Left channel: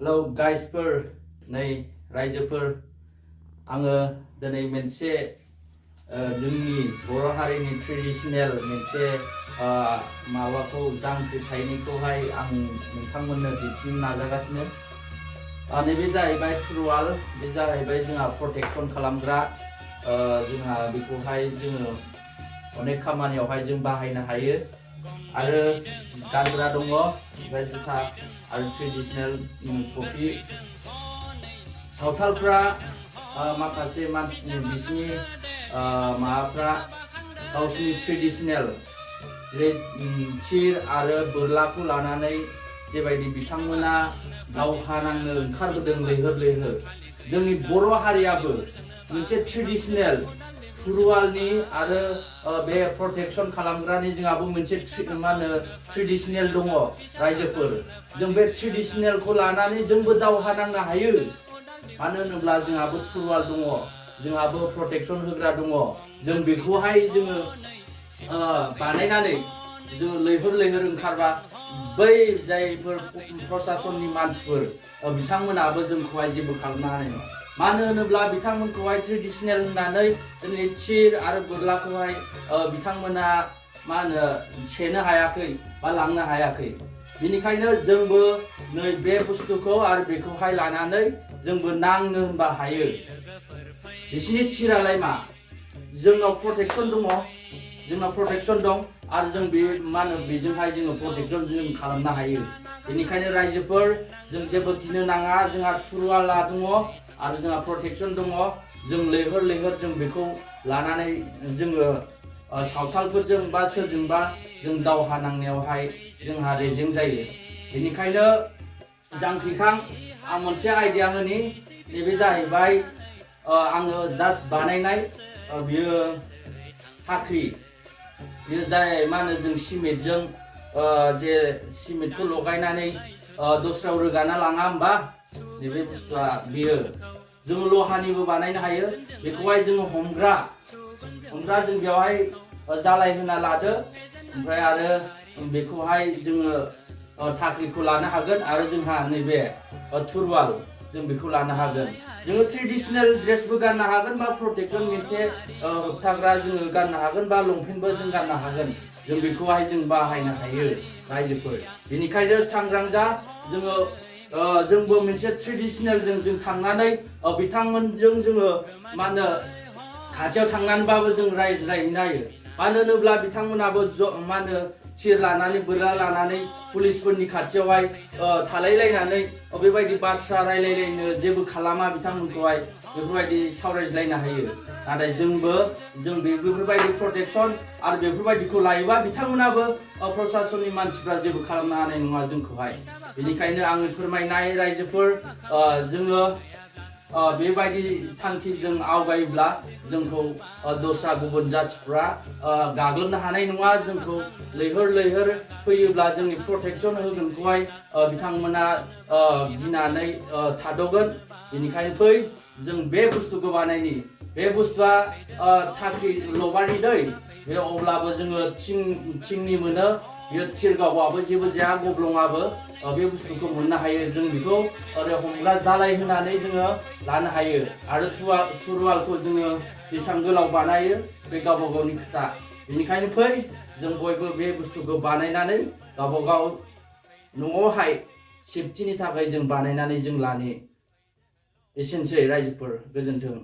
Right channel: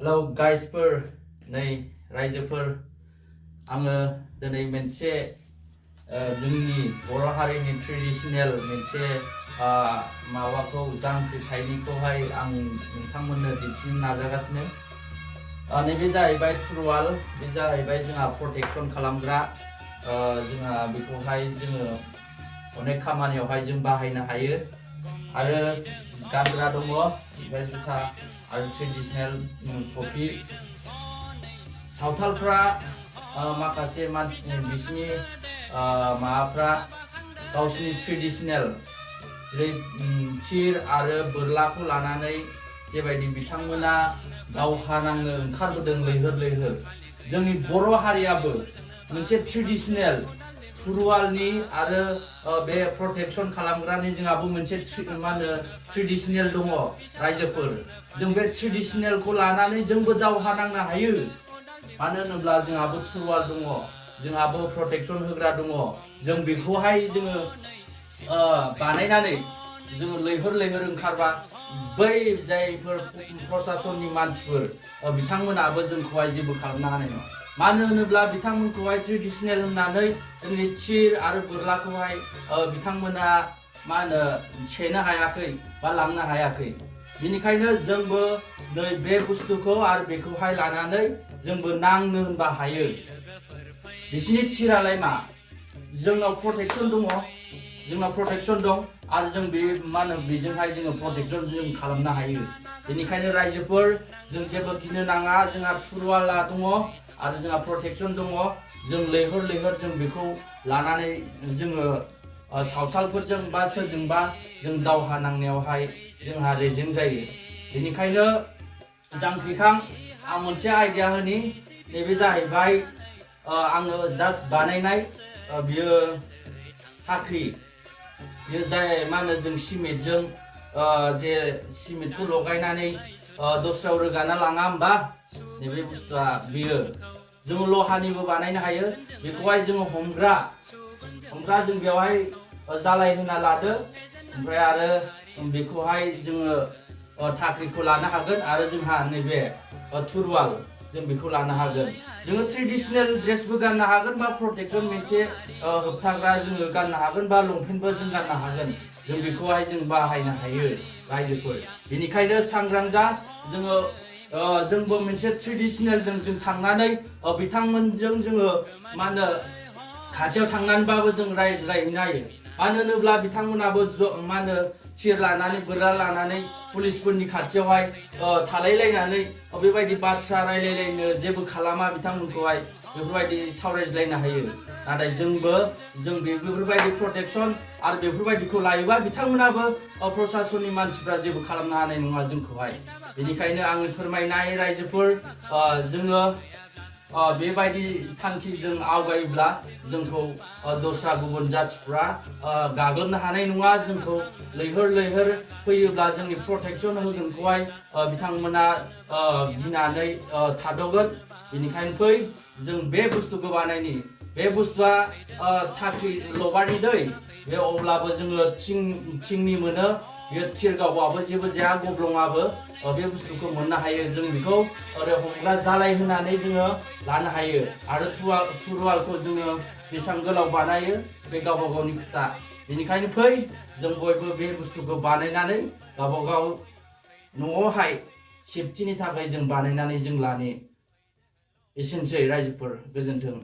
Hello गाइसफोर नै रायजोफोर आङो दिनै मोनसे जोंनि बर' हारिनि ट्रेडिशनेल मोनसे माबाखौ जांख्रिथायनिखौहाय आं नोंथांमोननो दिन्थिनो नाजागासिनो। नैबे जाहैबाय थुरवाल, बे जाहैबाय जोंहा प्रटेक्शन खालामग्रा। जोंहा बेखौहाय जोङो अनेक खामानियावहाय जों बाहायनो हायो आरो गानग्रा दङ, ओमफ्राय जुथा आरो ट्रेडिशनेल टफि। सावथालफ्रा माखासे मानसिनि बिसिनि माबाफ्रा गावसिनि ट्रेडिशनेल जेरै थिर आरो बोरलाखौ लानानै जेबायदि बिथांमोना दावहा नांनो ओंखारबोदों लैहोर लैहोर, जोंनि बर' हारियाबो मोनसे ट्रेडिशनेल थुरवालनि आरो बे प्रटेक्शन खालामग्रानि जोंहाबो मोनसे मा होनो ट्रेडिशनेल दङ रायजोफोर। जों बे ट्रेडिशनेलखौ लानानै जोंबो दावहा नांनो हायो। मानो होनोब्ला जोंहाबो थुरवाल दङ, जोंहाबो प्रटेक्शन होग्रा दङ। जों बेखौहाय जोङो बानायनानै जोङो लैहोर लैहोर ओंखारबा बै जायफोर प्रशासननि मानसिफोर बिथांमोनाबो जोंखौहाय जेबो खालामनो हानाय नङा। मानो होनोब्ला बिथांमोनखौहाय ट्रेडिशनेल होननानै जोंनि थिर आरो बोरलाखौहाय बिथांमोना मा होनो सेनो हायाखै बा लांनो हायाखै। बेनिखायनो जोंबो नै बे बुस्थुखौ आरो बेखौहाय लानानै जोंबो नांनो होनबा हायो। बिसिनि थिरालाय मा, जोंनाव प्रटेक्शन दङ, जोंनाव प्रटेक्शन दं आरो जों बे मा होनो बेजोंहाय जोङो प्रटेक्शन जों खालामनो हायो। बेनिखायनो रायजोफोर जों जेबो गिनो नाङा, जोंहा थुरवाला दङ आरो जोंहा प्रटेक्शन दङ। जों लैहोर लैहोर जों बेखौ लानानै जोङो सावथालफोरजों बा सोरजोंबा जों दावहा नांनायावहाय जोंहा रेजें जायो। बेनिखायनो जांख्रिखां आं मोनसे आइडिया होनि, नैबे जाहैबाय आङो जास्ट बानायनाय बियो फाख्रि। बियो जाय मा होनो जों सिमेन्टजों जे सिमेन्टखौ लगायनानै दस्रायाव रोगाना लाङा होमबा, नैबे बुस्थुआ बियो। जोङो लहानिबो बानायनो हायो। बेखौहाय जोङो हमग्रा जों बेवहाय जालाय होना लादो, ओमफ्राय आरो बेखौहाय जोङो फाख्रिखौ लानो हागोन आरो जोंहा नैबे थुरवाल जों बेखौ लानो हागोन। जोङो ट्रेडिशनेल ड्रेसबो गाननो हागोन बा प्रटेक्शन मोनसे होबथाग्रा जोङो गाननो हागोन बा लंपेन्टबो जों गाननो हागोन। जों बेखौहाय जों बाहायनो हायो रायजोफोर। बेनिखायनो सांग्रां जा, जोंबो मोनसे ट्रेडिशनेलजों जों थांनानै बिथांमोनजों जोङो मा होनो खाथियाव थांनानैबाबो जों रायज्लायहैनो हायो। मानो होनोब्ला बिथांमोनाबो मा होनो थिर लानानै बोरला लानानै पुलिसफोरनि खाथियावहाय थालायलायनानै बेबायदि बाथ्रा रायलायलायनो जेबो खालामा बिथांमोनखौहाय बेफोरबायदि सावरायज्लायनो हायो। नाथाय जों बेफोरबायदि प्रटेक्शन आरो बेफोरबायदिखौ लायोबा बिथांमोनाबो प्रशासननि मानसिफ्रा जेबो खालामनो हानाय नङा जोंखौहाय। बेनिखायनो आङो फोरमायनाय रायजोफोर, जोङो बेबायदि थांखिजों आवगायोब्ला जोंखौ दस्रा गुबुन जाथिफ्रा गाग्लोबनो हानाय नङा। जोंखौ लैहोर लैहोर फैयोब्ला जोंनि प्रटेक्शन होगोनखौहाय बिथांमोना गिनानै थाद'गोन। बेनिखायनो फै जों बे बुस्थुखौ बानायनि। बे बुस्थुआ थाख्रि लबारनि दै, बे अब्लाबो जोङो थिंनि मोनो। बेयो थिर गावबाबो जेबो जाया, गब्लङाबो बे बुस्थुखौ मोननो हायो। जों बेखौ हमग्रा जालाय होनानै जोङो लानो हायो। आरो थुरवालखौ जोङो बेसेबां गोलाव बानायो बे गावबा गावनि खोथा। बेनिखायनो फै जों बयबो बे बुस्थुखौ बानायनानै गावबा गाव न'आवहाय सेफटिनि थाखाय जों बानायनानै जों लानि। एसेनोसै रायजोफोर, गोजोन्थों।